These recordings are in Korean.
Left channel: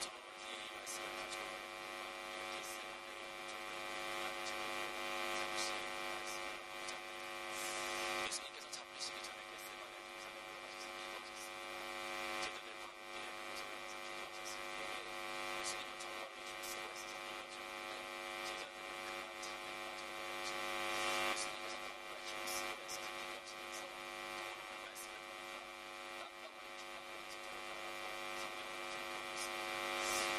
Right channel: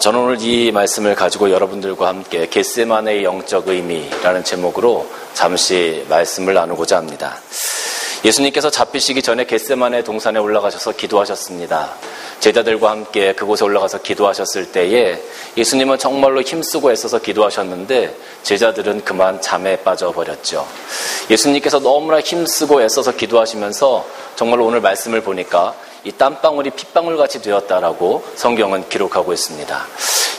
저는 오늘 이 말씀을 가지고 여러분들과 함께 겟세마네의 영적 의미라는 제목으로 잠시 말씀을 나누고자 합니다. 예수님께서 잡히시기 전에 겟세마네 동산에 올라가셔서 기도하셨습니다. 제자들과 함께 그곳에 올라가서 기도하셨을 때에 예수님은 정말로 힘쓰고 애써서 기도하셨는데 제자들은 그만 잠에 빠져버렸죠. 예수님께서 너무나 힘쓰고 애써서 기도하시면서 정말로 오늘 말씀을 보니까 이 땀방울이 핏방울같이 되었다라고 성경은 기록하고 있습니다.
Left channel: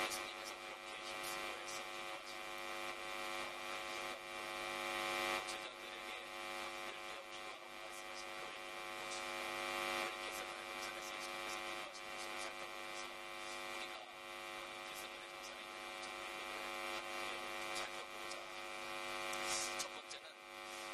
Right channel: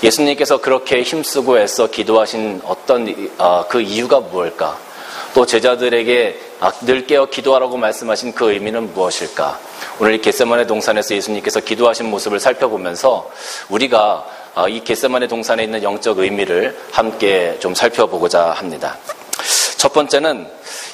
예수님께서 그렇게 힘쓰고 애써 기도하신 어떤 그 이유가 무엇일까? 또 제자들에게 늘 깨어 기도하라고 말씀하신 그 의미는 무엇일까? 오늘 이 겟세마네 동산에서 예수님께서 기도하신 모습을 살펴보면서 우리가 이 겟세마네 동산에 있는 영적 의미를 함께 좀 살펴보고자 합니다. 첫 번째는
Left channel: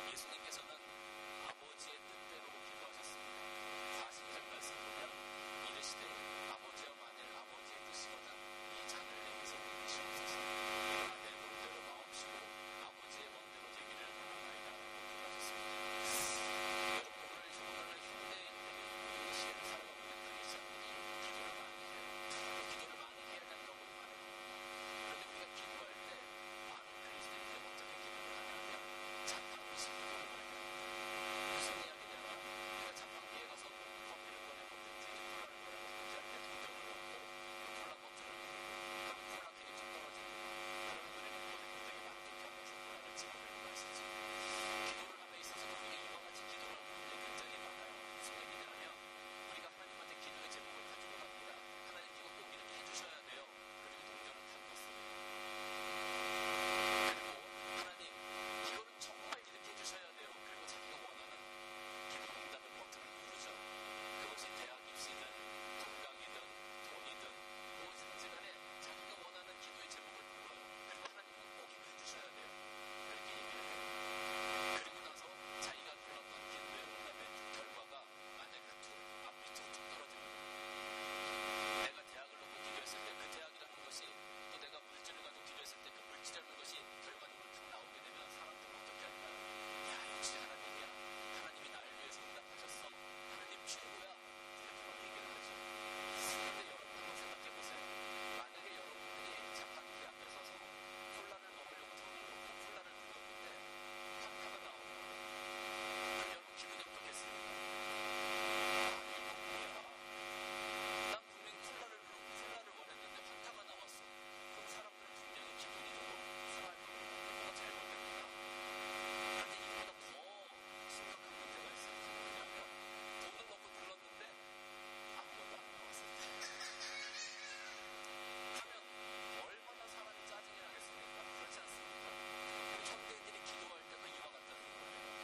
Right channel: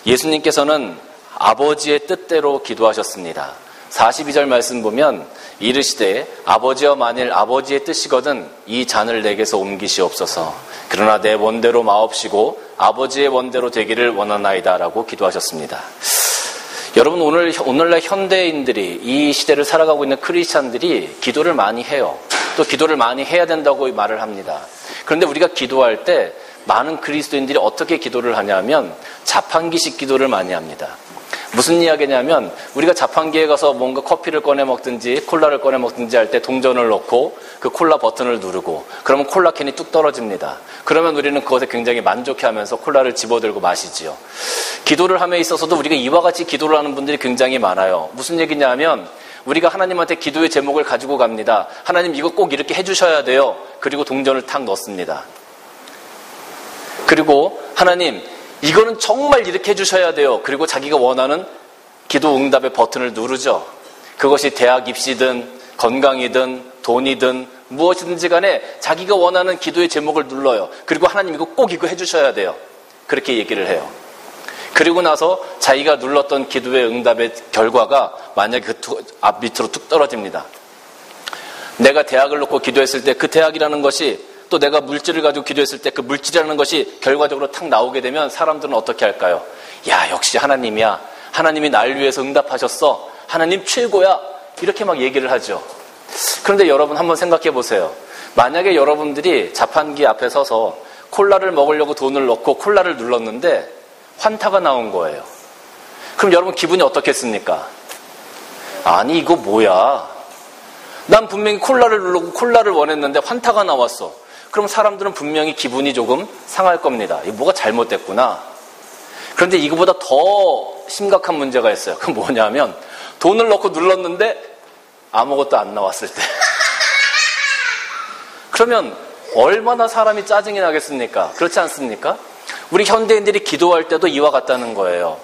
예수님께서는 아버지의 뜻대로 기도하셨습니다. 42절 말씀 보면 이르시되 아버지여 만일 아버지의 뜻이거든 이 잔을 내게서 옮기시옵소서. 그러나 내 원대로 마옵시고 아버지의 원대로 되기를 원하나이다 라고 기도하셨습니다. 여러분 오늘날 현대인들이 이 시대를 살아가고 있는 크리스찬들이 기도를 많이 해요. 또 기도를 많이 해야 된다고 말을 합니다. 그런데 우리가 기도할 때 많은 그리스도인들이 어떻게 기도를 하냐면 자판기식 기도를 많이 합니다. 무슨 이야기냐면 우리가 자판기에 가서 뭔가 커피를 꺼내 먹든지 콜라를 꺼내 먹든지 할 때 동전을 넣고 그 콜라 버튼을 누르고 그러면 콜라 캔이 뚝 떨어집니다. 그러면 우리는 그것에 굉장히 만족해하면서 콜라를 집어들고 마시지요. 기도를 함에 있어서도 우리가 이와 같이 기도를 하는 분들이 굉장히 많아요. 무슨 얘기냐면 우리가 하나님한테 기도의 제목을 가지고 갑니다. 하나님 이거 꼭 이렇게 해주셔야 돼요. 그리고 동전을 탁 넣습니다. 그리고 하나님 이거는 정말 이렇게 해주셔야 돼요. 그리고 자기가 원하는 기도 응답의 버튼을 누르죠. 그것이 대학 입시든 건강이든 돈이든 무엇이든지 간에 자기가 원하는 기도의 제목을 눌러요. 그리고 하나님 이거 꼭 이거 해주셔야 돼요. 그렇게 얘기를 해요. 그리고 나서 자기가 눌렀던 기도의 응답의 결과가 만약에 그 앞 밑으로 뚝 떨어집니다. 내가 대학을 놓고 기도했을 때 그 대학이라는 것이 또 내가 물질을 가지고 기도했을 때 그 물질이라는 것이 결과적으로 탁 나오게 되면 사람들은 어떻게 할까요? 야, 역시 하나님이야. 하나님이 날 위해서 응답하셨어. 하나님 최고야. 이렇게 막 얘기를 하죠. 그런데 여러분 한번 생각해 보세요. 만약에 여러분들이 자판기 앞에 서서 콜라를 먹으려고 돈을 넣고 콜라를 눌렀는데 환타가 나온 거예요. 그럼 여러분 기분이 어떻겠습니까? 아니 이거 뭐야? 난 분명히 콜라를 누르고 콜라를 원했는데 환타가 나왔어. 그럼 사람들은 분명히 기분이 조금 상할 겁니다. 이거 뭐가 잘못됐구나. 그런데 이거보다 더 심각한 문제가 있어요. 그건 뭐냐면 돈을 넣고 눌렀는데 아무것도 안 나왔을 때. 그러면 얼마나 사람이 짜증이 나겠습니까? 그렇지 않습니까? 우리 현대인들이 기도할 때도 이와 같다는 거예요.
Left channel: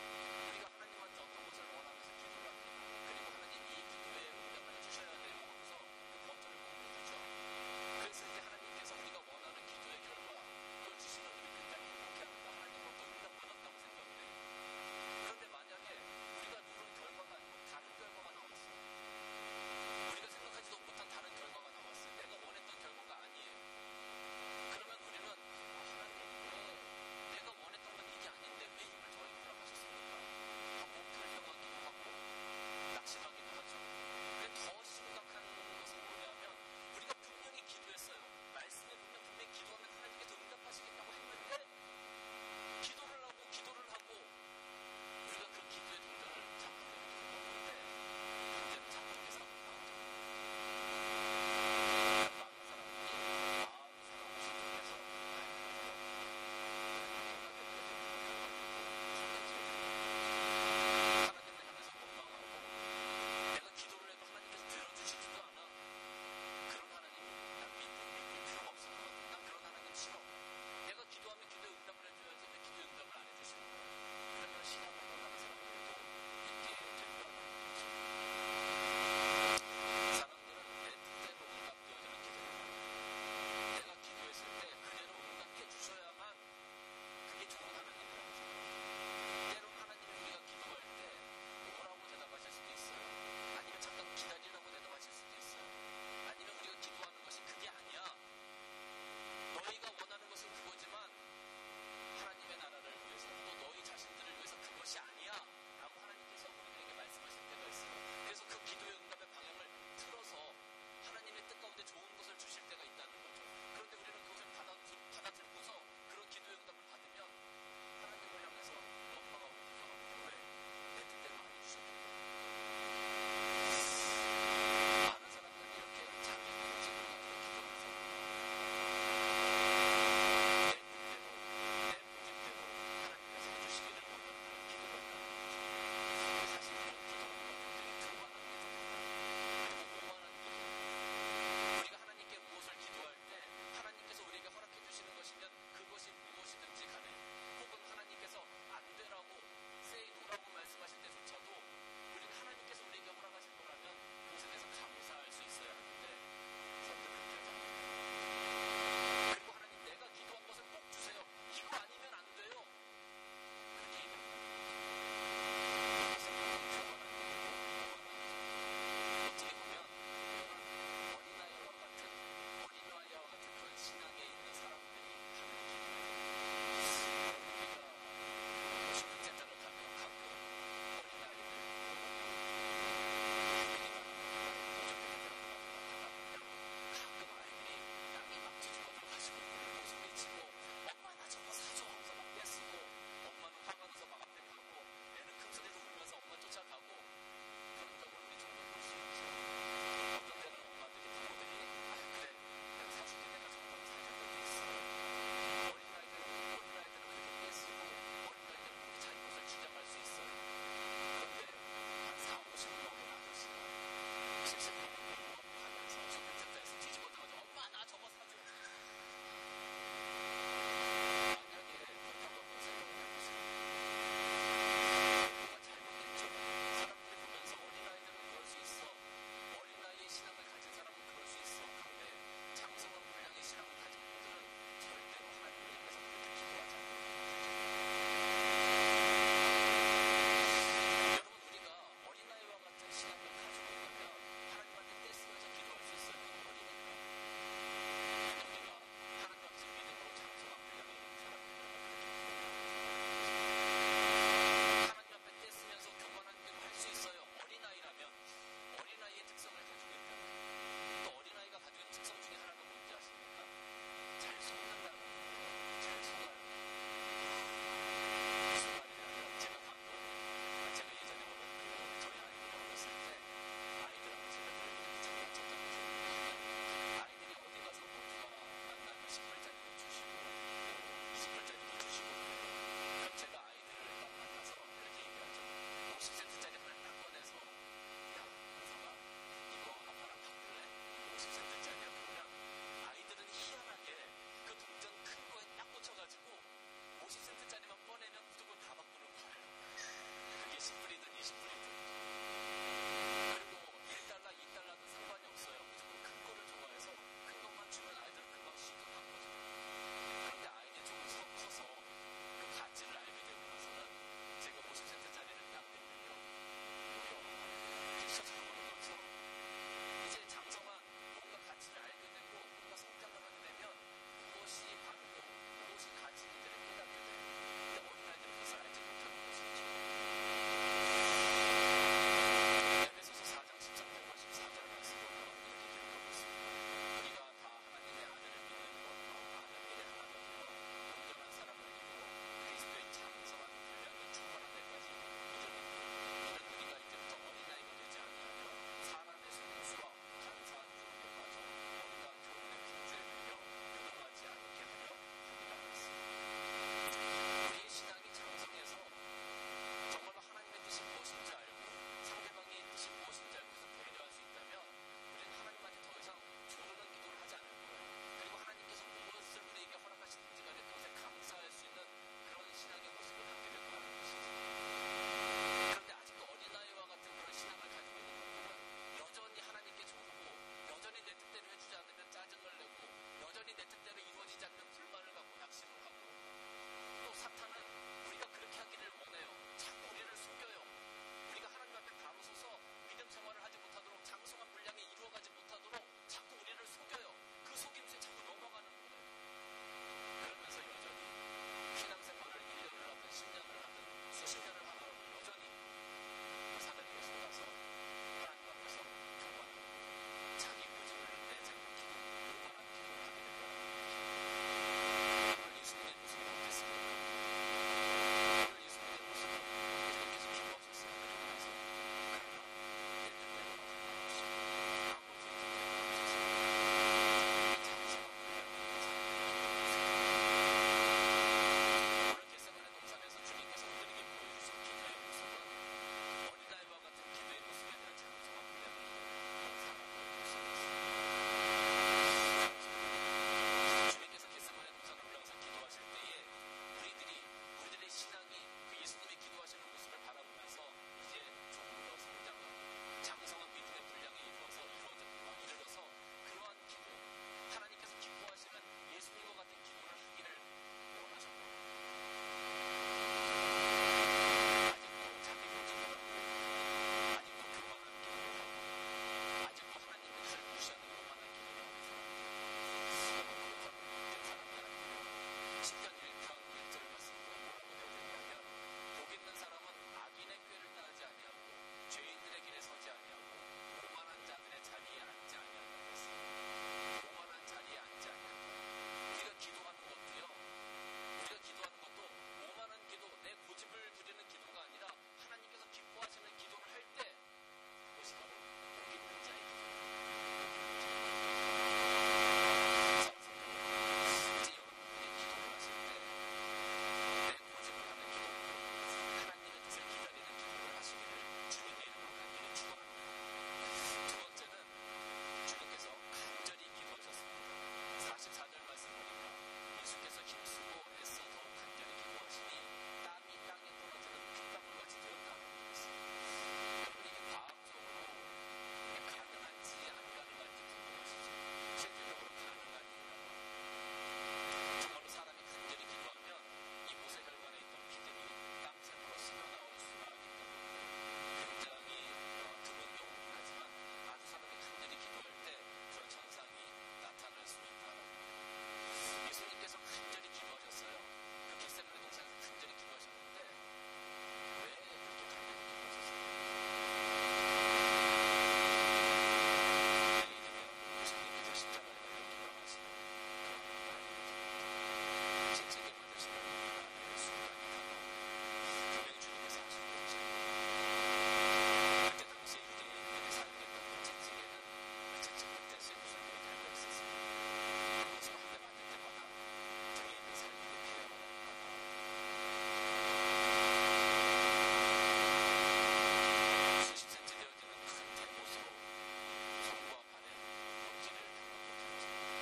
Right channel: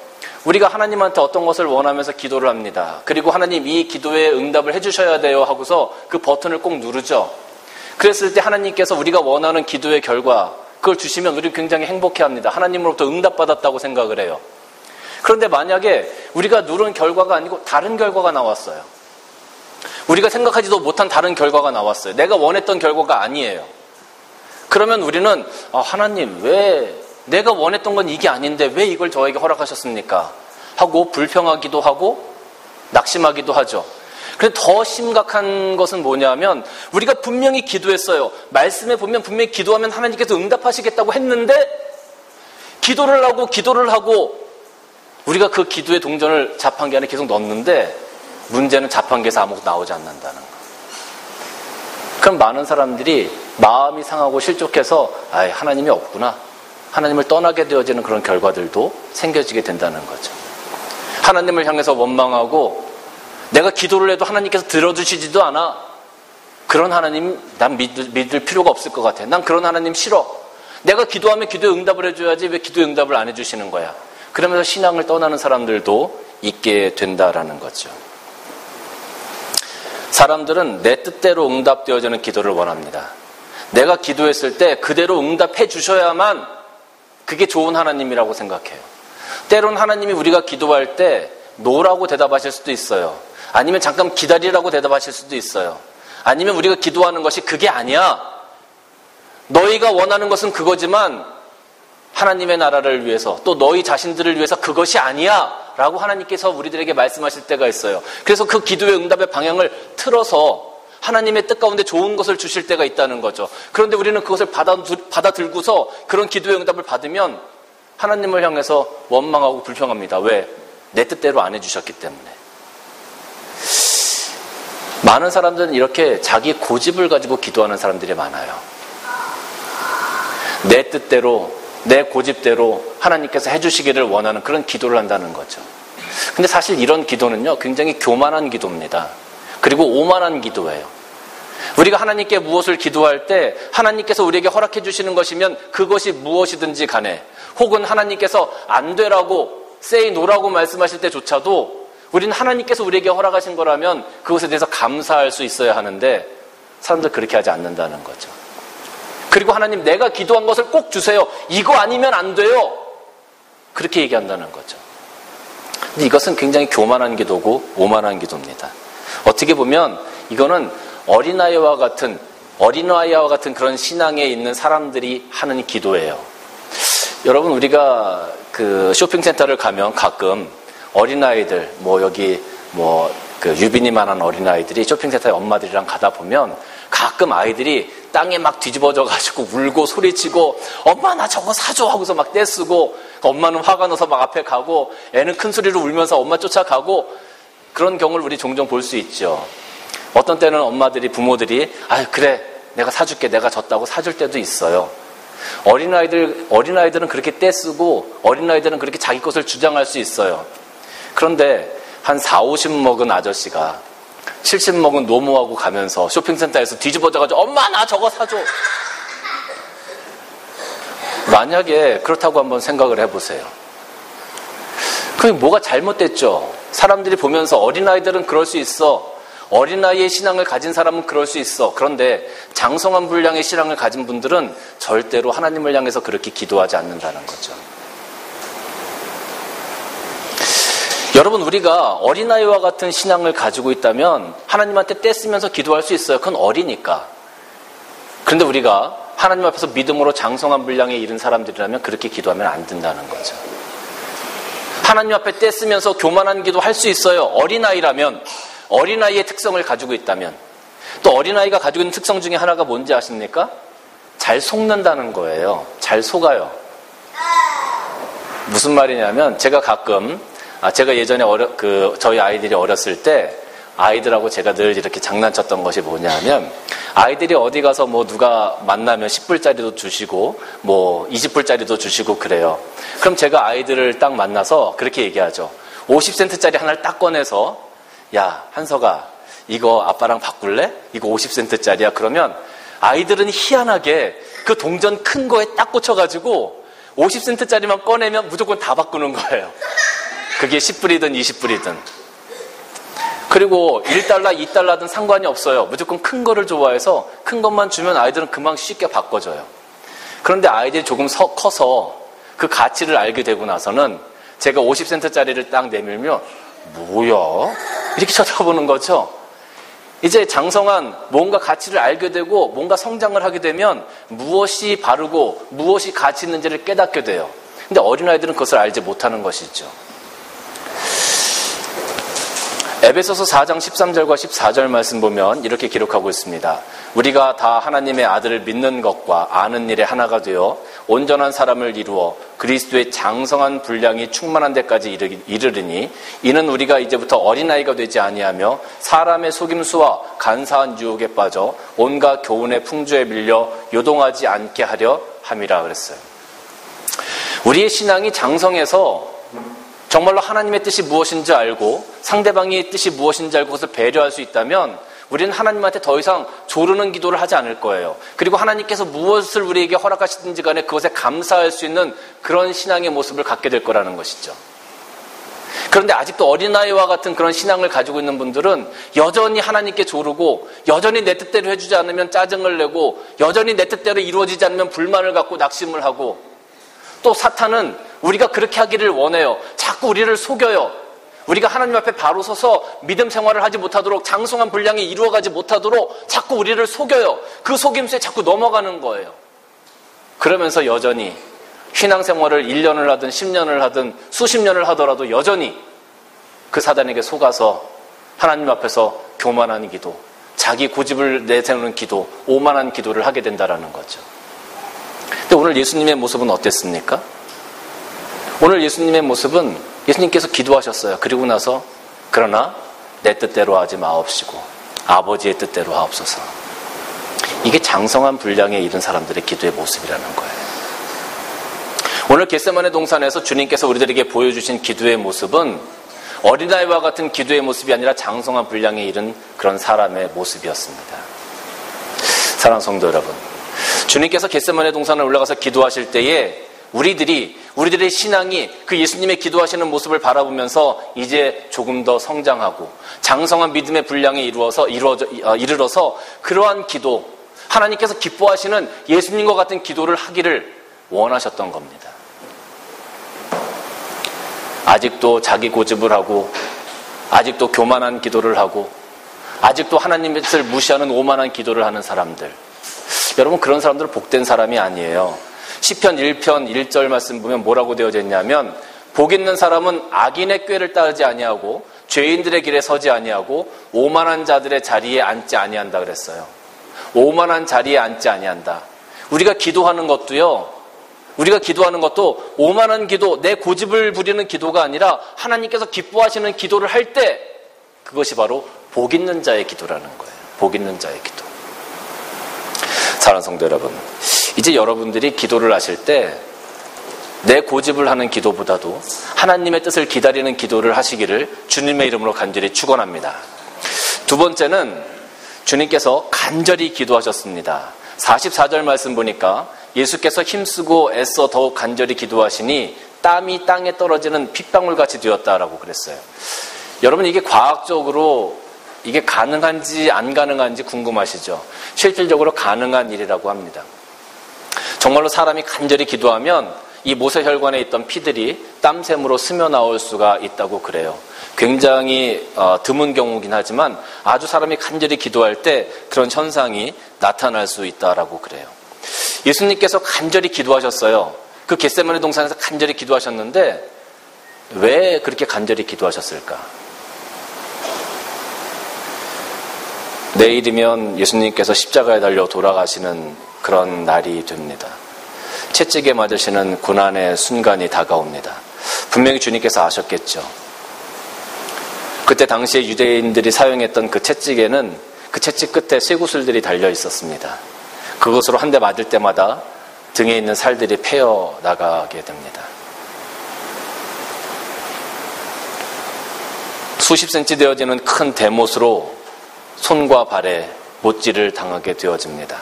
우리가 하나님한테 어떤 것을 원하면서 기도를 합니다. 그리고 하나님 이 기도에 응답을 해주셔야 돼요 하고서 그 버튼을 꼭 누르죠. 그랬을 때 하나님께서 우리가 원하는 기도의 결과 그걸 주시면 우리는 굉장히 행복해합니다. 하나님으로부터 응답받았다고 생각을 해요. 그런데 만약에 우리가 누른 결과가 아니고 다른 결과가 나왔어요. 우리가 생각하지도 못한 다른 결과가 나왔어요. 내가 원했던 결과가 아니에요. 그러면 우리는 하나님 왜 내가 원했던 건 이게 아닌데 왜 이걸 저에게 허락하셨습니까? 하고 불평하기도 하고 낙심하기도 하죠. 그런데 더 심각한 것은 뭐냐면 우리가 분명히 기도했어요. 말씀에 보면 분명히 기도하면 하나님께서 응답하시겠다고 했는데 기도를 하고 우리가 그 기도의 동전을 자판기 안에 계속 넣었는데 문제는 자판기에서 아무것도 나오지 않는다는 거. 그럼 많은 사람들이 마음이 상하고 실족해서 하나님이 없구나. 하나님을 떠나게 되어지는 그런 결과들도 생겨지게 된다는 거죠. 하나님을 향해서 원망하고 내가 기도를 해도 하나님께서 들어주시지도 않아. 그런 하나님 난 믿을 필요가 없을 것 같아. 난 그런 하나님 싫어. 내가 기도하면 기도에 응답을 해줘야지 왜 기도에 응답을 안 해주시는 거야. 그러면서 신앙을 떠나는 사람들도 있게 된다라는 거죠. 사람들은 내 뜻대로 응답되어지는 기도를 원합니다. 내가 기도했을 때 그대로 응답해 주셔야만 그게 좋은 하나님이라고 생각해요. 때론 하나님이 우리가 기도할 때 노라고 대답하실 수도 있어요. 아니면 잠깐 기다리라고 대답하실 수도 있어요. 아니면 우리가 기도하는 것이 그게 아니야. 너희가 원하는 것은 그거지만 하나님의 나라를 위해서 또 너희 자신들을 위해서 그것이 아니야 라고 하나님께서 우리들에게 말씀하실 때가 있어요. 그래서 그 기도의 응답의 방향을 틀어서 하나님의 뜻 가운데 좋은 것을 주실 때가 있다는 거죠. 그런데 우리는 그것을 받아들고서 그런 기도의 응답을 받으면 하나님을 향해서 원망하고 불평합니다. 왜? 내 뜻대로 안 해주셨기 때문에. 많은 사람들은 이렇게 자기 고집을 가지고 기도하는 사람들이 많아요. 내 뜻대로, 내 고집대로 하나님께서 해주시기를 원하는 그런 기도를 한다는 거죠. 근데 사실 이런 기도는요, 굉장히 교만한 기도입니다. 그리고 오만한 기도예요. 우리가 하나님께 무엇을 기도할 때 하나님께서 우리에게 허락해 주시는 것이면 그것이 무엇이든지 간에, 혹은 하나님께서 안 되라고 say no라고 말씀하실 때조차도 우리는 하나님께서 우리에게 허락하신 거라면 그것에 대해서 감사할 수 있어야 하는데 사람들 그렇게 하지 않는다는 거죠. 그리고 하나님, 내가 기도한 것을 꼭 주세요. 이거 아니면 안 돼요. 그렇게 얘기한다는 거죠. 근데 이것은 굉장히 교만한 기도고 오만한 기도입니다. 어떻게 보면 이거는 어린아이와 같은 그런 신앙에 있는 사람들이 하는 기도예요. 여러분, 우리가 그 쇼핑센터를 가면 가끔 어린아이들, 유빈이만한 어린아이들이 쇼핑센터에 엄마들이랑 가다 보면 가끔 아이들이 땅에 막 뒤집어져가지고 울고 소리치고 엄마 나 저거 사줘 하고서 막 떼쓰고, 엄마는 화가 나서 막 앞에 가고 애는 큰 소리로 울면서 엄마 쫓아가고, 그런 경우를 우리 종종 볼 수 있죠. 어떤 때는 부모들이 그래 내가 사줄게, 내가 졌다고 사줄 때도 있어요. 어린아이들은 그렇게 떼쓰고 어린아이들은 그렇게 자기 것을 주장할 수 있어요. 그런데 한 40, 50 먹은 아저씨가 70 먹은 노모하고 가면서 쇼핑센터에서 뒤집어져가지고 엄마 나 저거 사줘. 만약에 그렇다고 한번 생각을 해보세요. 그게 뭐가 잘못됐죠? 사람들이 보면서 어린아이들은 그럴 수 있어. 어린아이의 신앙을 가진 사람은 그럴 수 있어. 그런데 장성한 분량의 신앙을 가진 분들은 절대로 하나님을 향해서 그렇게 기도하지 않는다는 거죠. 여러분, 우리가 어린아이와 같은 신앙을 가지고 있다면 하나님한테 떼쓰면서 기도할 수 있어요. 그건 어리니까. 그런데 우리가 하나님 앞에서 믿음으로 장성한 분량에 이른 사람들이라면 그렇게 기도하면 안 된다는 거죠. 하나님 앞에 떼쓰면서 교만한 기도 할 수 있어요. 어린아이라면, 어린아이의 특성을 가지고 있다면. 또 어린아이가 가지고 있는 특성 중에 하나가 뭔지 아십니까? 잘 속는다는 거예요. 잘 속아요. 무슨 말이냐면, 제가 가끔 제가 예전에 저희 아이들이 어렸을 때 아이들하고 제가 늘 이렇게 장난쳤던 것이 뭐냐면, 아이들이 어디 가서 누가 만나면 10불짜리도 주시고 20불짜리도 주시고 그래요. 그럼 제가 아이들을 딱 만나서 그렇게 얘기하죠. 50센트짜리 하나를 딱 꺼내서, 야 한석아, 이거 아빠랑 바꿀래? 이거 50센트짜리야. 그러면 아이들은 희한하게 그 동전 큰 거에 딱 꽂혀가지고 50센트짜리만 꺼내면 무조건 다 바꾸는 거예요. 그게 10불이든 20불이든. 그리고 1달러, 2달러든 상관이 없어요. 무조건 큰 거를 좋아해서 큰 것만 주면 아이들은 금방 쉽게 바꿔줘요. 그런데 아이들이 조금 커서 그 가치를 알게 되고 나서는 제가 50센트짜리를 딱 내밀면 뭐야? 이렇게 쳐다보는 거죠. 이제 장성한 뭔가 가치를 알게 되고 뭔가 성장을 하게 되면 무엇이 바르고 무엇이 가치 있는지를 깨닫게 돼요. 근데 어린아이들은 그것을 알지 못하는 것이죠. 에베소서 4장 13절과 14절 말씀 보면 이렇게 기록하고 있습니다. 우리가 다 하나님의 아들을 믿는 것과 아는 일에 하나가 되어 온전한 사람을 이루어 그리스도의 장성한 분량이 충만한 데까지 이르리니, 이는 우리가 이제부터 어린아이가 되지 아니하며 사람의 속임수와 간사한 유혹에 빠져 온갖 교훈의 풍조에 밀려 요동하지 않게 하려 함이라 그랬어요. 우리의 신앙이 장성해서 정말로 하나님의 뜻이 무엇인지 알고 상대방의 뜻이 무엇인지 알고 그것을 배려할 수 있다면 우리는 하나님한테 더 이상 조르는 기도를 하지 않을 거예요. 그리고 하나님께서 무엇을 우리에게 허락하시든지 간에 그것에 감사할 수 있는 그런 신앙의 모습을 갖게 될 거라는 것이죠. 그런데 아직도 어린아이와 같은 그런 신앙을 가지고 있는 분들은 여전히 하나님께 조르고, 여전히 내 뜻대로 해주지 않으면 짜증을 내고, 여전히 내 뜻대로 이루어지지 않으면 불만을 갖고 낙심을 하고, 또 사탄은 우리가 그렇게 하기를 원해요. 자꾸 우리를 속여요. 우리가 하나님 앞에 바로 서서 믿음 생활을 하지 못하도록, 장성한 분량이 이루어가지 못하도록 자꾸 우리를 속여요. 그 속임수에 자꾸 넘어가는 거예요. 그러면서 여전히 신앙생활을 1년을 하든 10년을 하든 수십 년을 하더라도 여전히 그 사단에게 속아서 하나님 앞에서 교만한 기도, 자기 고집을 내세우는 기도, 오만한 기도를 하게 된다라는 거죠. 근데 오늘 예수님의 모습은 어땠습니까? 오늘 예수님의 모습은 예수님께서 기도하셨어요. 그리고 나서 그러나 내 뜻대로 하지 마옵시고 아버지의 뜻대로 하옵소서. 이게 장성한 분량에 이른 사람들의 기도의 모습이라는 거예요. 오늘 겟세마네 동산에서 주님께서 우리들에게 보여주신 기도의 모습은 어린아이와 같은 기도의 모습이 아니라 장성한 분량에 이른 그런 사람의 모습이었습니다. 사랑하는 성도 여러분, 주님께서 겟세마네 동산에 올라가서 기도하실 때에 우리들의 신앙이 그 예수님의 기도하시는 모습을 바라보면서 이제 조금 더 성장하고 장성한 믿음의 분량에 이르러서 그러한 기도, 하나님께서 기뻐하시는 예수님과 같은 기도를 하기를 원하셨던 겁니다. 아직도 자기 고집을 하고 아직도 교만한 기도를 하고 아직도 하나님의 뜻을 무시하는 오만한 기도를 하는 사람들, 여러분 그런 사람들은 복된 사람이 아니에요. 시편 1편 1절 말씀 보면 뭐라고 되어져 있냐면 복 있는 사람은 악인의 꾀를 따르지 아니하고 죄인들의 길에 서지 아니하고 오만한 자들의 자리에 앉지 아니한다 그랬어요. 오만한 자리에 앉지 아니한다. 우리가 기도하는 것도 오만한 기도, 내 고집을 부리는 기도가 아니라 하나님께서 기뻐하시는 기도를 할 때 그것이 바로 복 있는 자의 기도라는 거예요. 복 있는 자의 기도. 사랑하는 성도 여러분, 이제 여러분들이 기도를 하실 때 내 고집을 하는 기도보다도 하나님의 뜻을 기다리는 기도를 하시기를 주님의 이름으로 간절히 축원합니다. 두 번째는 주님께서 간절히 기도하셨습니다. 44절 말씀 보니까 예수께서 힘쓰고 애써 더욱 간절히 기도하시니 땀이 땅에 떨어지는 핏방울같이 되었다라고 그랬어요. 여러분 이게 과학적으로 이게 가능한지 안 가능한지 궁금하시죠? 실질적으로 가능한 일이라고 합니다. 정말로 사람이 간절히 기도하면 이 모세혈관에 있던 피들이 땀샘으로 스며 나올 수가 있다고 그래요. 굉장히 드문 경우긴 하지만 아주 사람이 간절히 기도할 때 그런 현상이 나타날 수 있다라고 그래요. 예수님께서 간절히 기도하셨어요. 그 겟세마네 동산에서 간절히 기도하셨는데 왜 그렇게 간절히 기도하셨을까? 내일이면 예수님께서 십자가에 달려 돌아가시는 그런 날이 됩니다. 채찍에 맞으시는 고난의 순간이 다가옵니다. 분명히 주님께서 아셨겠죠. 그때 당시에 유대인들이 사용했던 그 채찍에는 그 채찍 끝에 쇠구슬들이 달려 있었습니다. 그것으로 한 대 맞을 때마다 등에 있는 살들이 패어 나가게 됩니다. 수십 센치 되어지는 큰 대못으로 손과 발에 못질을 당하게 되어집니다.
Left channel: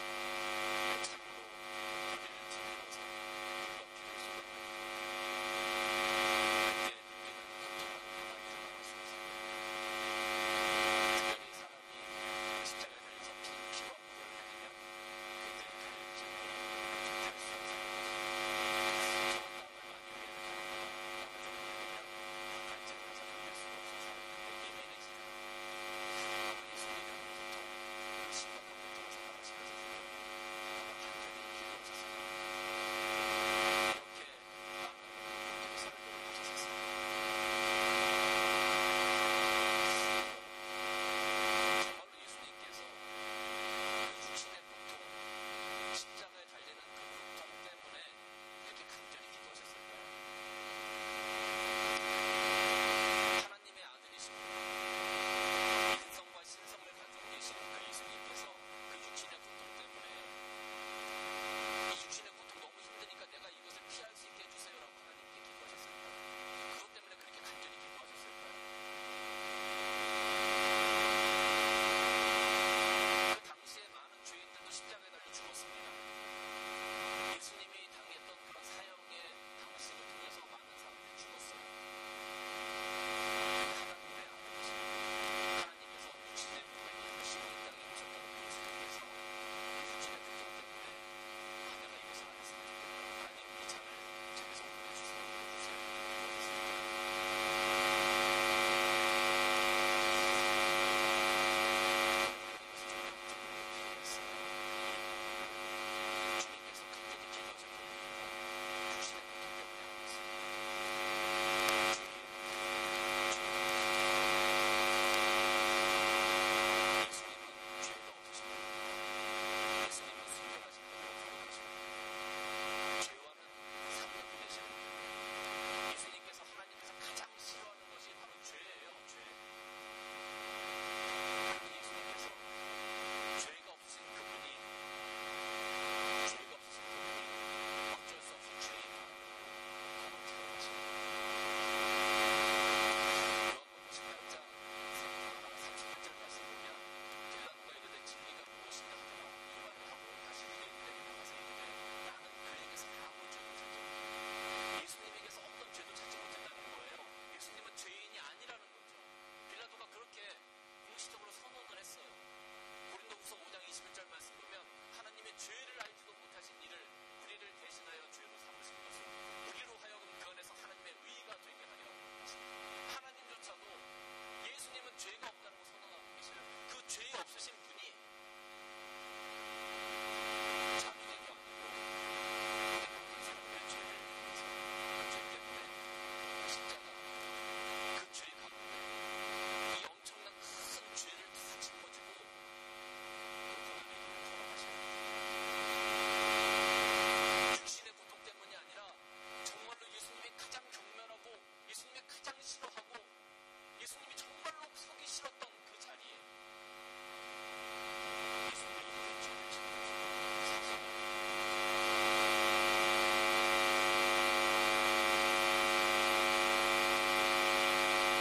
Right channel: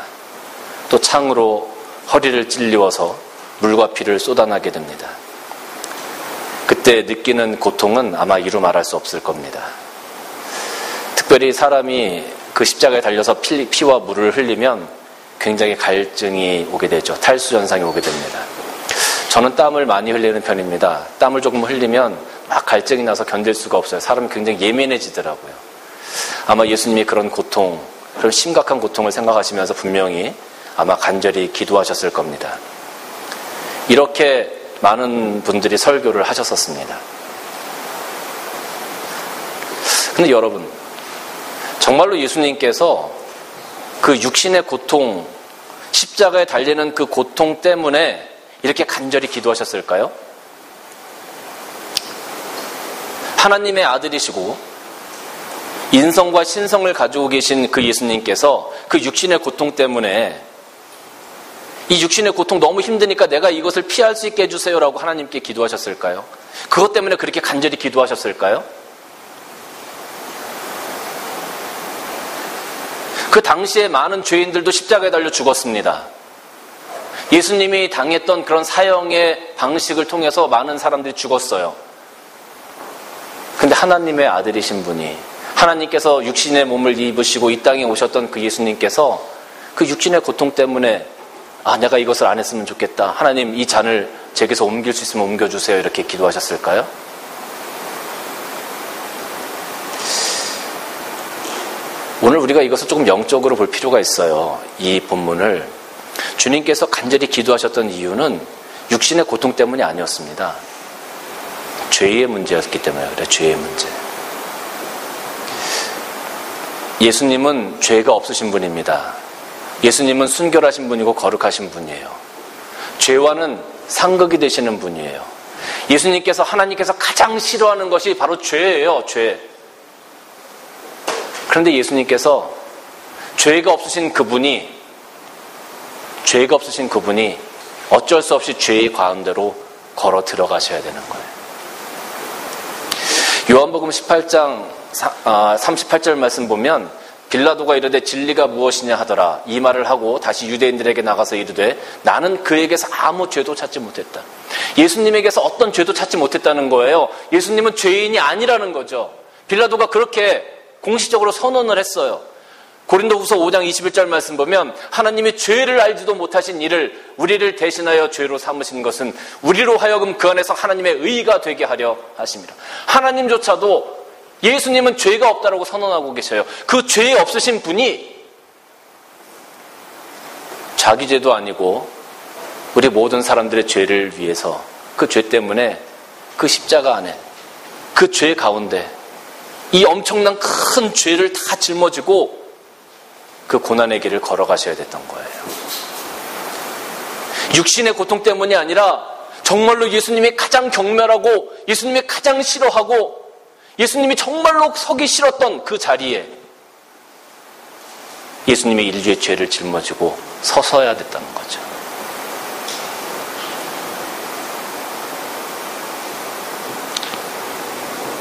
또 창으로 허리를 찔리워서 물과 피를 쏟아나게 됩니다. 그때 느끼는 고통은 아마 이루 말할 수 없을 겁니다. 특별히 사람이 그 십자가에 달려서 피와 물을 흘리면 굉장히 갈증이 오게 되죠. 탈수 현상이 오게 됩니다. 저는 땀을 많이 흘리는 편입니다. 땀을 조금 흘리면 막 갈증이 나서 견딜 수가 없어요. 사람이 굉장히 예민해지더라고요. 아마 예수님이 그런 고통, 그런 심각한 고통을 생각하시면서 분명히 아마 간절히 기도하셨을 겁니다. 이렇게 많은 분들이 설교를 하셨었습니다. 근데 여러분, 정말로 예수님께서 그 육신의 고통, 십자가에 달리는 그 고통 때문에 이렇게 간절히 기도하셨을까요? 하나님의 아들이시고 인성과 신성을 가지고 계신 그 예수님께서 그 육신의 고통 때문에 이 육신의 고통 너무 힘드니까 내가 이것을 피할 수 있게 해주세요라고 하나님께 기도하셨을까요? 그것 때문에 그렇게 간절히 기도하셨을까요? 그 당시에 많은 죄인들도 십자가에 달려 죽었습니다. 예수님이 당했던 그런 사형의 방식을 통해서 많은 사람들이 죽었어요. 근데 하나님의 아들이신 분이, 하나님께서 육신의 몸을 입으시고 이 땅에 오셨던 그 예수님께서 그 육신의 고통 때문에 내가 이것을 안 했으면 좋겠다. 하나님 이 잔을 제게서 옮길 수 있으면 옮겨주세요. 이렇게 기도하셨을까요? 오늘 우리가 이것을 조금 영적으로 볼 필요가 있어요. 이 본문을. 주님께서 간절히 기도하셨던 이유는 육신의 고통 때문이 아니었습니다. 죄의 문제였기 때문에 그래요. 죄의 문제. 예수님은 죄가 없으신 분입니다. 예수님은 순결하신 분이고 거룩하신 분이에요. 죄와는 상극이 되시는 분이에요. 예수님께서 하나님께서 가장 싫어하는 것이 바로 죄예요. 죄. 그런데 예수님께서 죄가 없으신 그분이 어쩔 수 없이 죄의 가운데로 걸어 들어가셔야 되는 거예요. 요한복음 18장 38절 말씀 보면 빌라도가 이르되 진리가 무엇이냐 하더라. 이 말을 하고 다시 유대인들에게 나가서 이르되 나는 그에게서 아무 죄도 찾지 못했다. 예수님에게서 어떤 죄도 찾지 못했다는 거예요. 예수님은 죄인이 아니라는 거죠. 빌라도가 그렇게 공식적으로 선언을 했어요. 고린도후서 5장 21절 말씀 보면 하나님이 죄를 알지도 못하신 이를 우리를 대신하여 죄로 삼으신 것은 우리로 하여금 그 안에서 하나님의 의가 되게 하려 하심이라. 하나님조차도 예수님은 죄가 없다라고 선언하고 계셔요. 그 죄 없으신 분이 자기 죄도 아니고 우리 모든 사람들의 죄를 위해서 그 죄 때문에 그 십자가 안에 그 죄 가운데 이 엄청난 큰 죄를 다 짊어지고 그 고난의 길을 걸어가셔야 됐던 거예요. 육신의 고통 때문이 아니라 정말로 예수님이 가장 경멸하고 예수님이 가장 싫어하고 예수님이 정말로 서기 싫었던 그 자리에 예수님이 인류의 죄를 짊어지고 서서야 됐다는 거죠.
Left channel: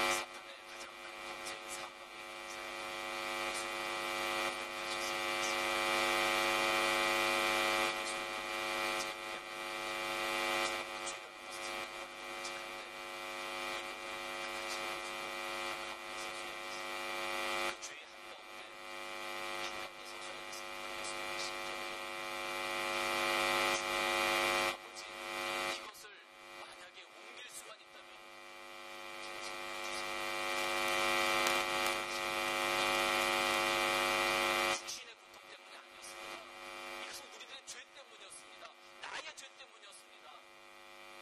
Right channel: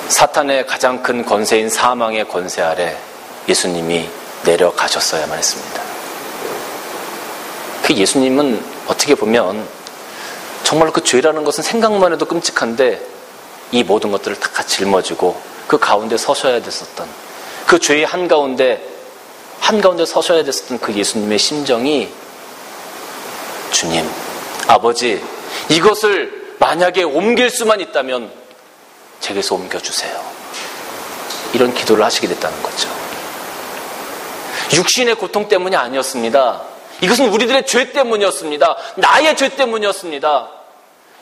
사탄의 가장 큰 권세인 사망의 권세 아래 예수님이 내려가셨어야만 했습니다. 그 예수님은 어떻게 보면 정말로 그 죄라는 것은 생각만 해도 끔찍한데 이 모든 것들을 다 짊어지고 그 가운데 서셔야 됐었던 그 죄의 한가운데 서셔야 됐었던 그 예수님의 심정이 주님, 아버지, 이것을 만약에 옮길 수만 있다면 제게서 옮겨주세요. 이런 기도를 하시게 됐다는 거죠. 육신의 고통 때문이 아니었습니다. 이것은 우리들의 죄 때문이었습니다. 나의 죄 때문이었습니다.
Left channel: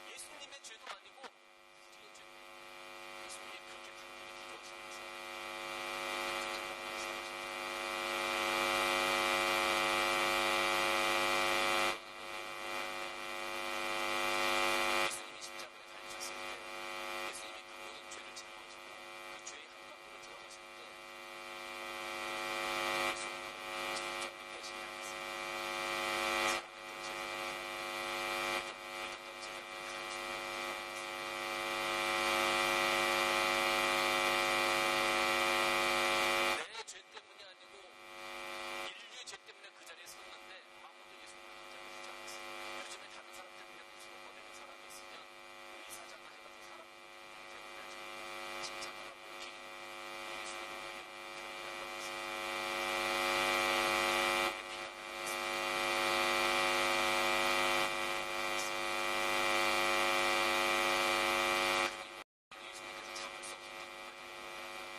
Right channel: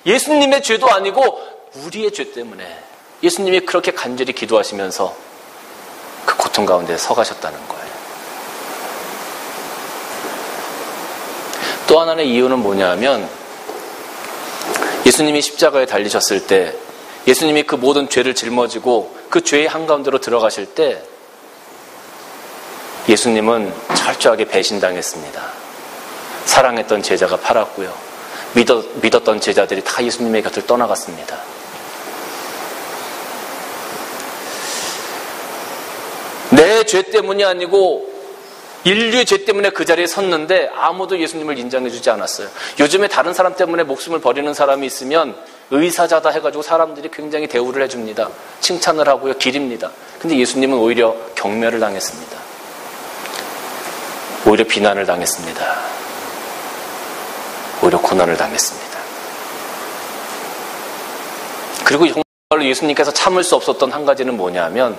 예수님의 죄도 아니고 우리의 죄 때문에 예수님이 그렇게 간절히 기도하시면서 그 고통 가운데 서가셨다는 거예요. 또 하나의 이유는 뭐냐 하면 예수님이 십자가에 달리셨을 때 예수님이 그 모든 죄를 짊어지고 그 죄의 한가운데로 들어가실 때 예수님은 철저하게 배신당했습니다. 사랑했던 제자가 팔았고요. 믿었던 제자들이 다 예수님의 곁을 떠나갔습니다. 내 죄 때문이 아니고 인류의 죄 때문에 그 자리에 섰는데 아무도 예수님을 인정해주지 않았어요. 요즘에 다른 사람 때문에 목숨을 버리는 사람이 있으면 의사자다 해가지고 사람들이 굉장히 대우를 해줍니다. 칭찬을 하고요. 기립니다. 근데 예수님은 오히려 경멸을 당했습니다. 오히려 비난을 당했습니다. 오히려 고난을 당했습니다. 그리고 정말로 예수님께서 참을 수 없었던 한 가지는 뭐냐 하면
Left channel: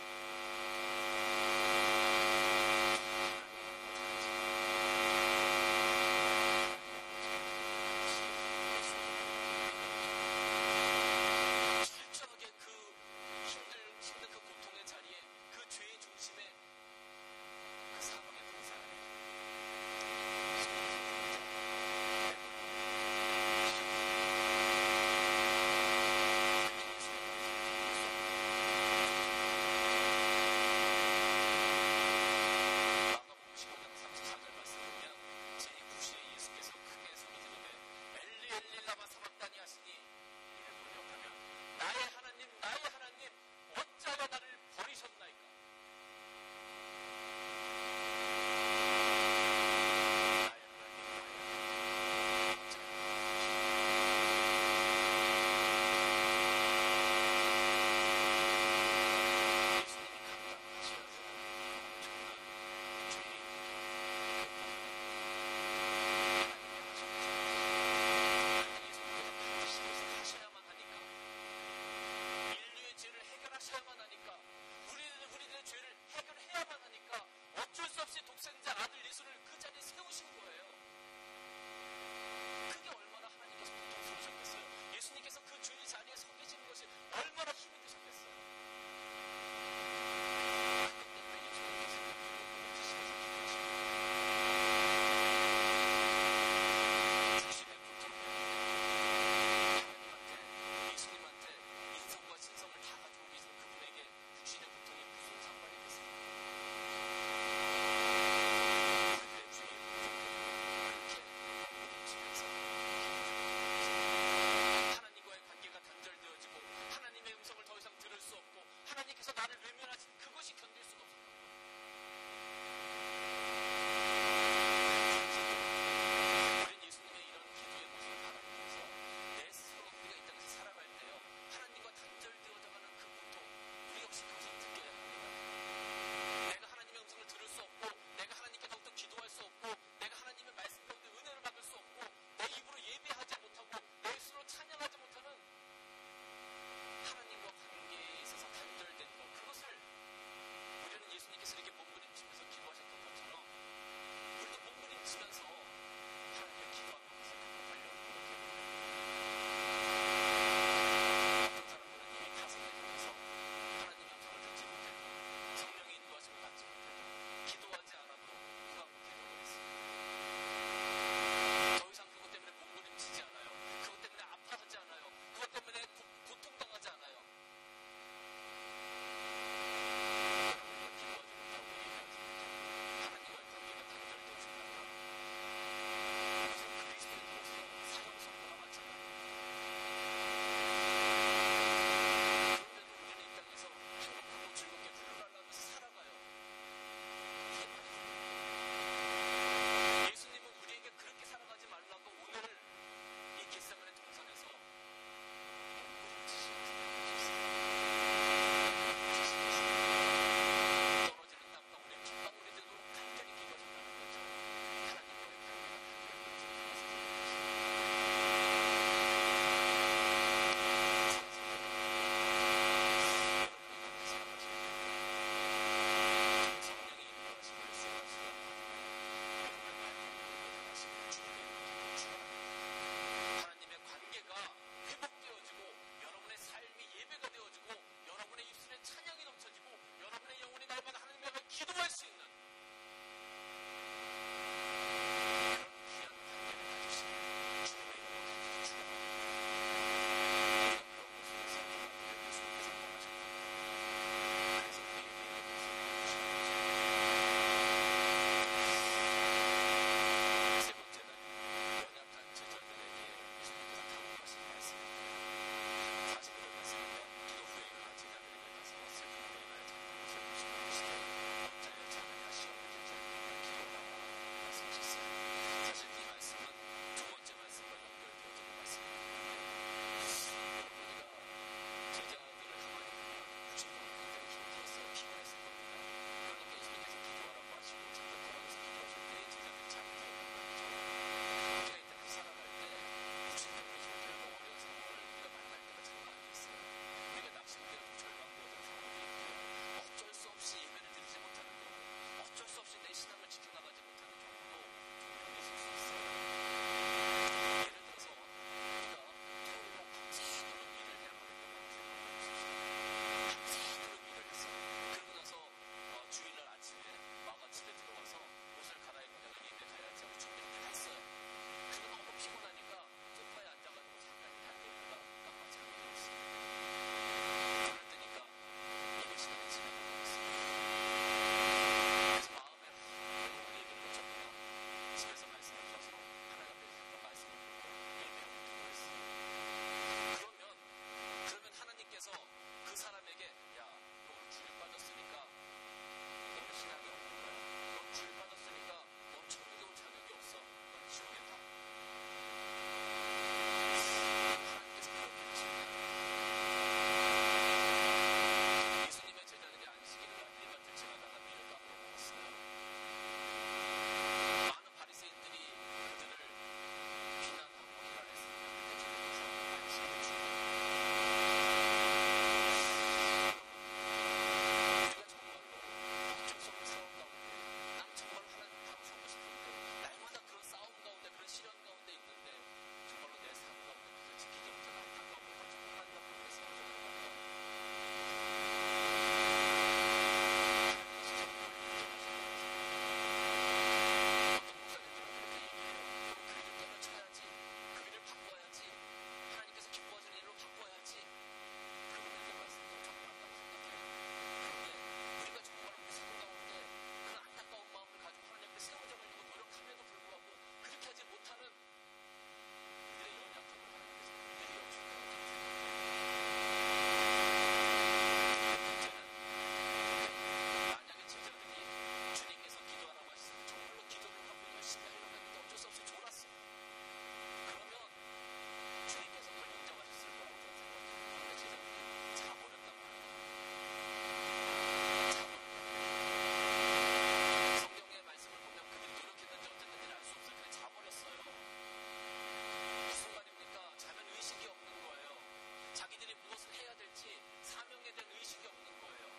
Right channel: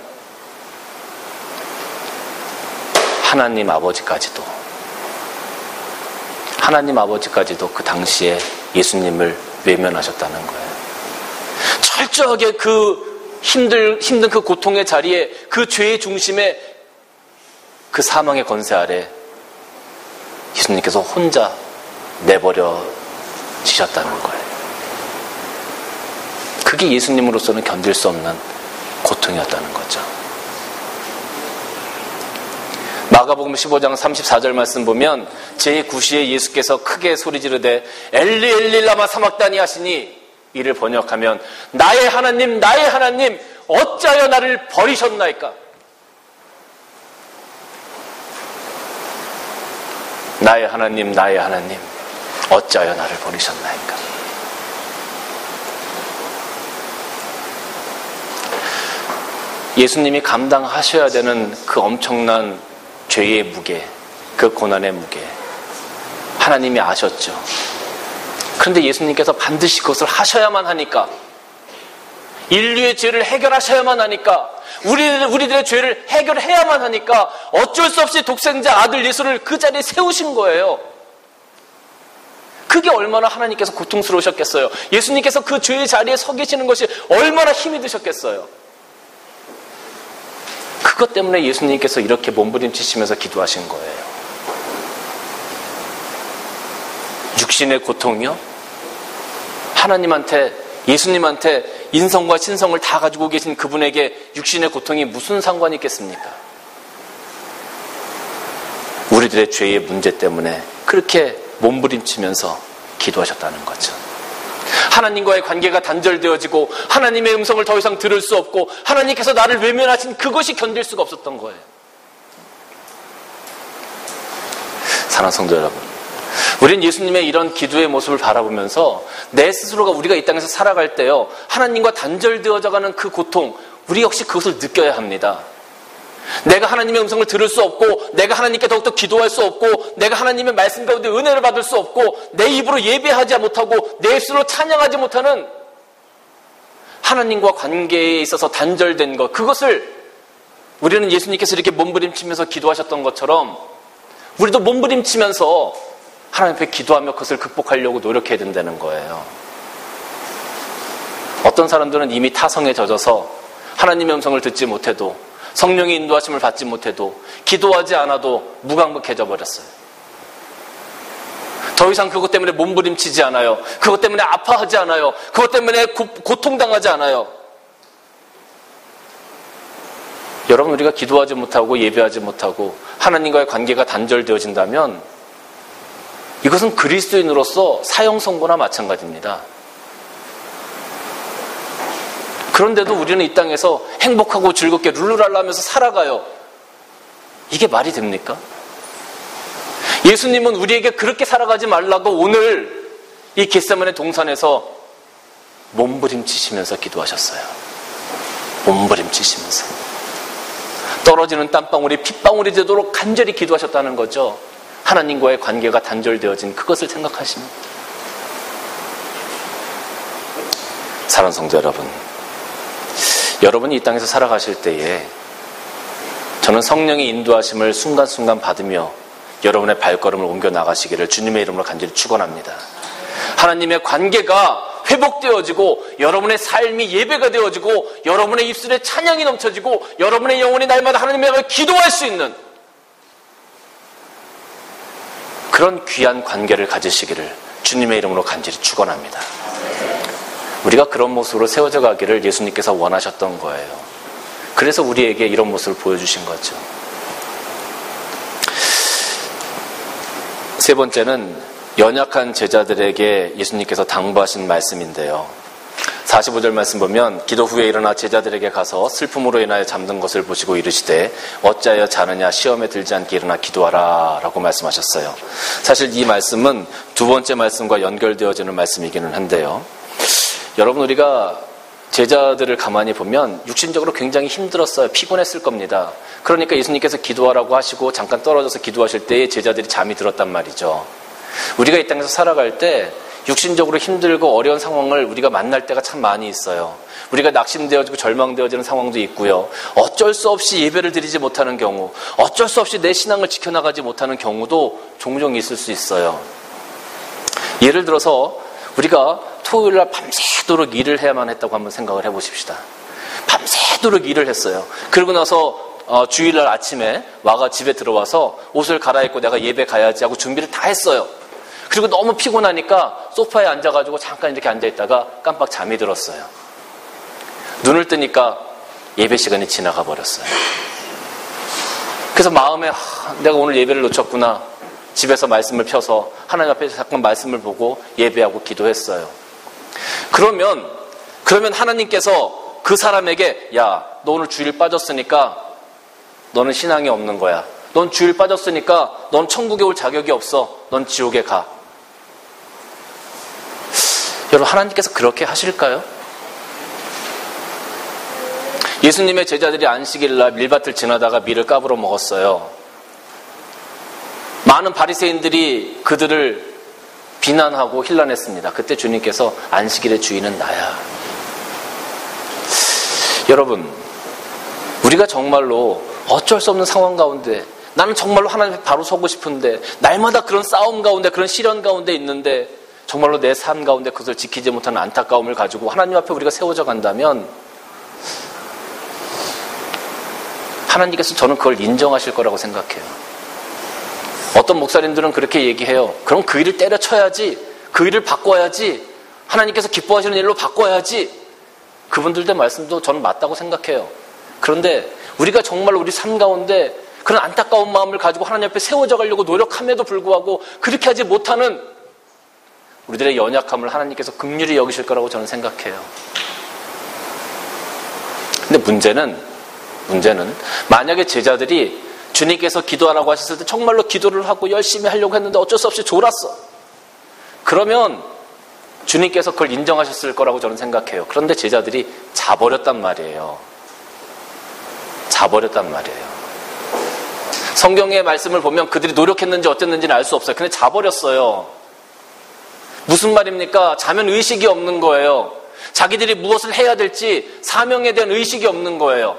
하나님 아버지까지도 그 당시에 예수님을 외면하셨다는 거예요. 철저하게 그 힘든 그 고통의 자리에 그 죄의 중심에 그 사망의 권세 아래 예수님께서 혼자 내버려지셨다는 거예요. 그게 예수님으로서는 견딜 수 없는 고통이었다는 거죠. 마가복음 15장 34절 말씀 보면 제9시에 예수께서 크게 소리 지르되 엘리 엘리 라마 사막다니 하시니 이를 번역하면 나의 하나님 나의 하나님 어찌하여 나를 버리셨나이까. 나의 하나님 나의 하나님 어찌하여 나를 버리셨나이까. 예수님이 감당하셔야 되는 그 엄청난 죄의 무게, 그 고난의 무게 하나님이 아셨죠. 그런데 예수님께서 반드시 그것을 하셔야만 하니까, 인류의 죄를 해결하셔야만 하니까, 우리들의 죄를 해결해야만 하니까 어쩔 수 없이 독생자 아들 예수를 그 자리에 세우신 거예요. 그게 얼마나 하나님께서 고통스러우셨겠어요. 예수님께서 그 죄의 자리에 서 계시는 것이 얼마나 힘이 드셨겠어요. 그것 때문에 예수님께서 이렇게 몸부림치시면서 기도하신 거예요. 육신의 고통이요? 하나님한테, 예수님한테 인성과 신성을 다 가지고 계신 그분에게 육신의 고통이 무슨 상관이 있겠습니까? 우리들의 죄의 문제 때문에 그렇게 몸부림치면서 기도하셨다는 거죠. 하나님과의 관계가 단절되어지고 하나님의 음성을 더 이상 들을 수 없고 하나님께서 나를 외면하신 그것이 견딜 수가 없었던 거예요. 사랑하는 성도 여러분, 우린 예수님의 이런 기도의 모습을 바라보면서 내 스스로가 우리가 이 땅에서 살아갈 때요, 하나님과 단절되어져가는 그 고통, 우리 역시 그것을 느껴야 합니다. 내가 하나님의 음성을 들을 수 없고, 내가 하나님께 더욱더 기도할 수 없고, 내가 하나님의 말씀 가운데 은혜를 받을 수 없고, 내 입으로 예배하지 못하고 내 입술로 찬양하지 못하는 하나님과 관계에 있어서 단절된 것, 그것을 우리는 예수님께서 이렇게 몸부림치면서 기도하셨던 것처럼 우리도 몸부림치면서 하나님 앞에 기도하며 그것을 극복하려고 노력해야 된다는 거예요. 어떤 사람들은 이미 타성에 젖어서 하나님의 음성을 듣지 못해도, 성령의 인도하심을 받지 못해도, 기도하지 않아도 무감각해져 버렸어요. 더 이상 그것 때문에 몸부림치지 않아요. 그것 때문에 아파하지 않아요. 그것 때문에 고통당하지 않아요. 여러분, 우리가 기도하지 못하고 예배하지 못하고 하나님과의 관계가 단절되어진다면 이것은 그리스도인으로서 사형 선고나 마찬가지입니다. 그런데도 우리는 이 땅에서 행복하고 즐겁게 룰루랄라 하면서 살아가요. 이게 말이 됩니까? 예수님은 우리에게 그렇게 살아가지 말라고 오늘 이 겟세마네 동산에서 몸부림치시면서 기도하셨어요. 몸부림치시면서 떨어지는 땀방울이 핏방울이 되도록 간절히 기도하셨다는 거죠. 하나님과의 관계가 단절되어진 그것을 생각하십니다. 사랑하는 성도 여러분, 여러분이 이 땅에서 살아가실 때에 저는 성령의 인도하심을 순간순간 받으며 여러분의 발걸음을 옮겨 나가시기를 주님의 이름으로 간절히 축원합니다. 하나님의 관계가 회복되어지고 여러분의 삶이 예배가 되어지고 여러분의 입술에 찬양이 넘쳐지고 여러분의 영혼이 날마다 하나님의 앞에 기도할 수 있는 그런 귀한 관계를 가지시기를 주님의 이름으로 간절히 축원합니다. 우리가 그런 모습으로 세워져 가기를 예수님께서 원하셨던 거예요. 그래서 우리에게 이런 모습을 보여주신 거죠. 세 번째는 연약한 제자들에게 예수님께서 당부하신 말씀인데요. 45절 말씀 보면 기도 후에 일어나 제자들에게 가서 슬픔으로 인하여 잠든 것을 보시고 이르시되 어찌하여 자느냐, 시험에 들지 않게 일어나 기도하라 라고 말씀하셨어요. 사실 이 말씀은 두 번째 말씀과 연결되어지는 말씀이기는 한데요. 여러분, 우리가 제자들을 가만히 보면 육신적으로 굉장히 힘들었어요. 피곤했을 겁니다. 그러니까 예수님께서 기도하라고 하시고 잠깐 떨어져서 기도하실 때에 제자들이 잠이 들었단 말이죠. 우리가 이 땅에서 살아갈 때 육신적으로 힘들고 어려운 상황을 우리가 만날 때가 참 많이 있어요. 우리가 낙심되어지고 절망되어지는 상황도 있고요. 어쩔 수 없이 예배를 드리지 못하는 경우, 어쩔 수 없이 내 신앙을 지켜나가지 못하는 경우도 종종 있을 수 있어요. 예를 들어서 우리가 토요일날 밤새도록 일을 해야만 했다고 한번 생각을 해보십시다. 밤새도록 일을 했어요. 그러고 나서 주일날 아침에 와가 집에 들어와서 옷을 갈아입고 내가 예배 가야지 하고 준비를 다 했어요. 그리고 너무 피곤하니까 소파에 앉아가지고 잠깐 이렇게 앉아있다가 깜빡 잠이 들었어요. 눈을 뜨니까 예배 시간이 지나가 버렸어요. 그래서 마음에 내가 오늘 예배를 놓쳤구나. 집에서 말씀을 펴서 하나님 앞에 잠깐 말씀을 보고 예배하고 기도했어요. 그러면 하나님께서 그 사람에게 야, 너 오늘 주일 빠졌으니까 너는 신앙이 없는 거야. 넌 주일 빠졌으니까 넌 천국에 올 자격이 없어. 넌 지옥에 가. 여러분, 하나님께서 그렇게 하실까요? 예수님의 제자들이 안식일날 밀밭을 지나다가 밀을 까불어 먹었어요. 많은 바리새인들이 그들을 비난하고 힐난했습니다. 그때 주님께서 안식일의 주인은 나야. 여러분, 우리가 정말로 어쩔 수 없는 상황 가운데 나는 정말로 하나님 앞에 바로 서고 싶은데 날마다 그런 싸움 가운데 그런 시련 가운데 있는데 정말로 내 삶 가운데 그것을 지키지 못하는 안타까움을 가지고 하나님 앞에 우리가 세워져 간다면 하나님께서 저는 그걸 인정하실 거라고 생각해요. 어떤 목사님들은 그렇게 얘기해요. 그럼 그 일을 때려쳐야지, 그 일을 바꿔야지, 하나님께서 기뻐하시는 일로 바꿔야지. 그분들의 말씀도 저는 맞다고 생각해요. 그런데 우리가 정말 우리 삶 가운데 그런 안타까운 마음을 가지고 하나님 앞에 세워져 가려고 노력함에도 불구하고 그렇게 하지 못하는 우리들의 연약함을 하나님께서 긍휼히 여기실 거라고 저는 생각해요. 근데 문제는 만약에 제자들이 주님께서 기도하라고 하셨을 때 정말로 기도를 하고 열심히 하려고 했는데 어쩔 수 없이 졸았어. 그러면 주님께서 그걸 인정하셨을 거라고 저는 생각해요. 그런데 제자들이 자버렸단 말이에요. 자버렸단 말이에요. 성경의 말씀을 보면 그들이 노력했는지 어땠는지는 알 수 없어요. 근데 자버렸어요. 무슨 말입니까? 자면 의식이 없는 거예요. 자기들이 무엇을 해야 될지 사명에 대한 의식이 없는 거예요.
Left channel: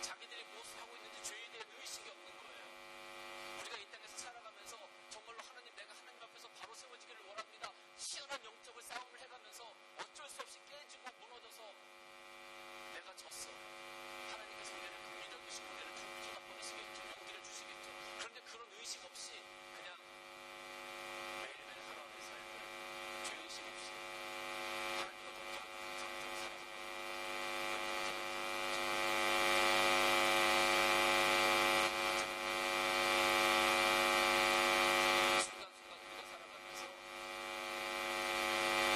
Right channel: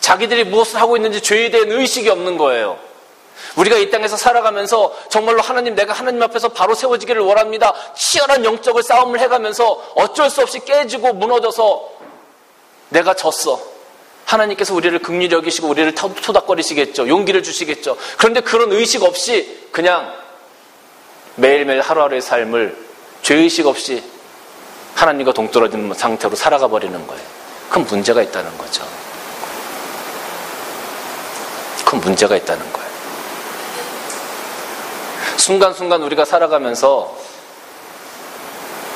자기들이 무엇을 하고 있는지 죄에 대한 의식이 없는 거예요. 우리가 이 땅에서 살아가면서 정말로 하나님, 내가 하나님 앞에서 바로 세워지기를 원합니다. 치열한 영적을 싸움을 해가면서 어쩔 수 없이 깨지고 무너져서 내가 졌어. 하나님께서 우리를 긍휼히 여기시고 우리를 토닥거리시겠죠. 용기를 주시겠죠. 그런데 그런 의식 없이 그냥 매일매일 하루하루의 삶을 죄의식 없이 하나님과 동떨어진 상태로 살아가 버리는 거예요. 그건 문제가 있다는 거죠. 그건 문제가 있다는 거예요. 순간순간 우리가 살아가면서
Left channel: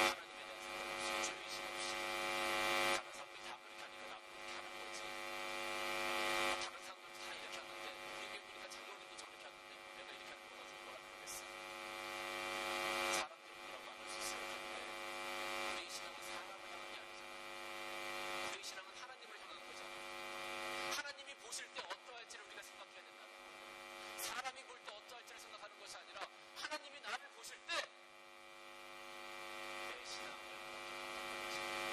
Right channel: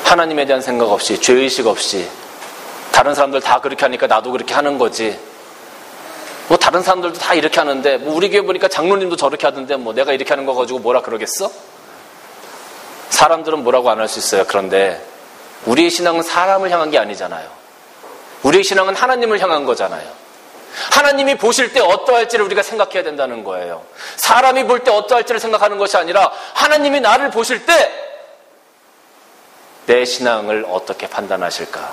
하나님에 대한 생각 없이, 죄의식 없이, 다른 사람들 다 그렇게 하니까 나도 그렇게 하는 거지. 뭐 다른 사람들도 다 이렇게 하는데, 뭐 우리 교회 보니까 장로님도 저렇게 하던데 뭐 내가 이렇게 하는 거 가지고 뭐라 그러겠어? 사람들은 뭐라고 안 할 수 있어요. 그런데 우리의 신앙은 사람을 향한 게 아니잖아요. 우리의 신앙은 하나님을 향한 거잖아요. 하나님이 보실 때 어떠할지를 우리가 생각해야 된다는 거예요. 사람이 볼 때 어떠할지를 생각하는 것이 아니라 하나님이 나를 보실 때 내 신앙을 어떻게 판단하실까?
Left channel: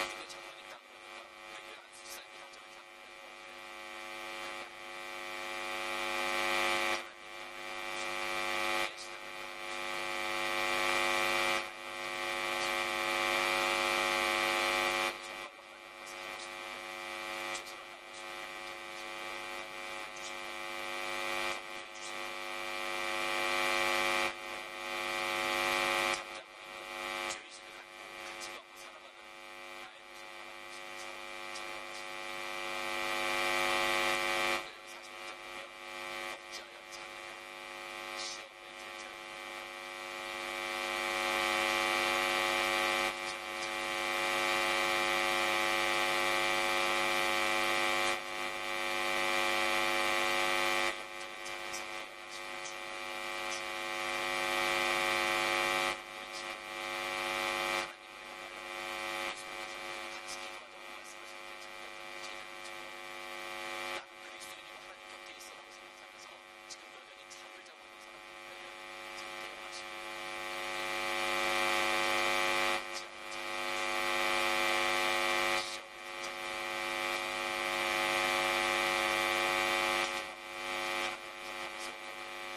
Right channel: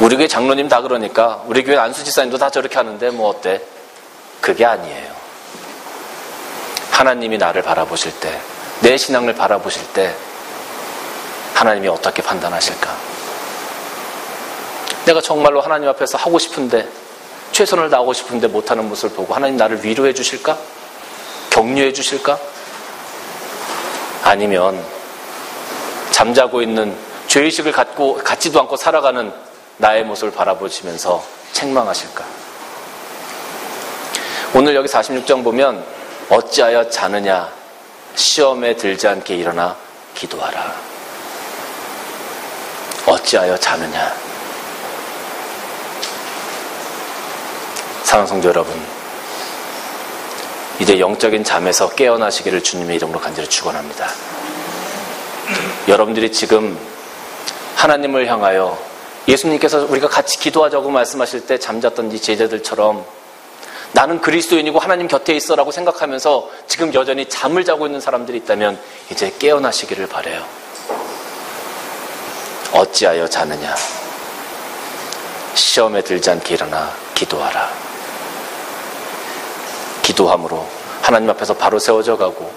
우리 교회 장로님 다 그러니까 우리 교회 안수지사님도 다 저렇게 하는데 뭐 어때? 그게 아니에요. 하나님이 나를 바라보실 때, 내 신앙을 바라보실 때 하나님이 어떻게 판단하실까? 내가 정말로 하나님 앞에서 하고 싶은데, 최선을 다하고 싶은데 못하는 모습을 보고 하나님 나를 위로해 주실까? 격려해 주실까? 아니면 잠자고 있는 죄의식을 갖지도 않고 살아가는 나의 모습을 바라보시면서 책망하실까? 오늘 여기 46장 보면 어찌하여 자느냐, 시험에 들지 않게 일어나 기도하라. 어찌하여 자느냐. 사랑하는 성도 여러분, 이제 영적인 잠에서 깨어나시기를 주님의 이름으로 간절히 축원합니다. 여러분들이 지금 하나님을 향하여 예수님께서 우리가 같이 기도하자고 말씀하실 때 잠잤던 이 제자들처럼 나는 그리스도인이고 하나님 곁에 있어라고 생각하면서 지금 여전히 잠을 자고 있는 사람들이 있다면 이제 깨어나시기를 바라요. 어찌하여 자느냐, 시험에 들지 않게 일어나 기도하라. 기도함으로 하나님 앞에서 바로 세워져 가고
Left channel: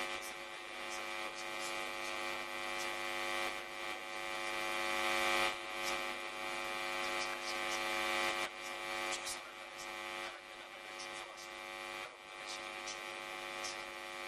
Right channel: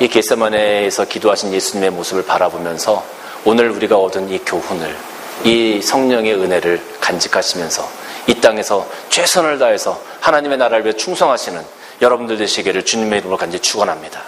이 겟세마네에서 기도하신 예수님의 모습을 바라보면서 오늘 우리가 얻은 이 교훈을, 이 성령의 은혜를 간직하시면서 이 땅에서 최선을 다해서 하나님의 나라를 위해 충성하시는 여러분들 되시기를 주님의 이름으로 간절히 축원합니다.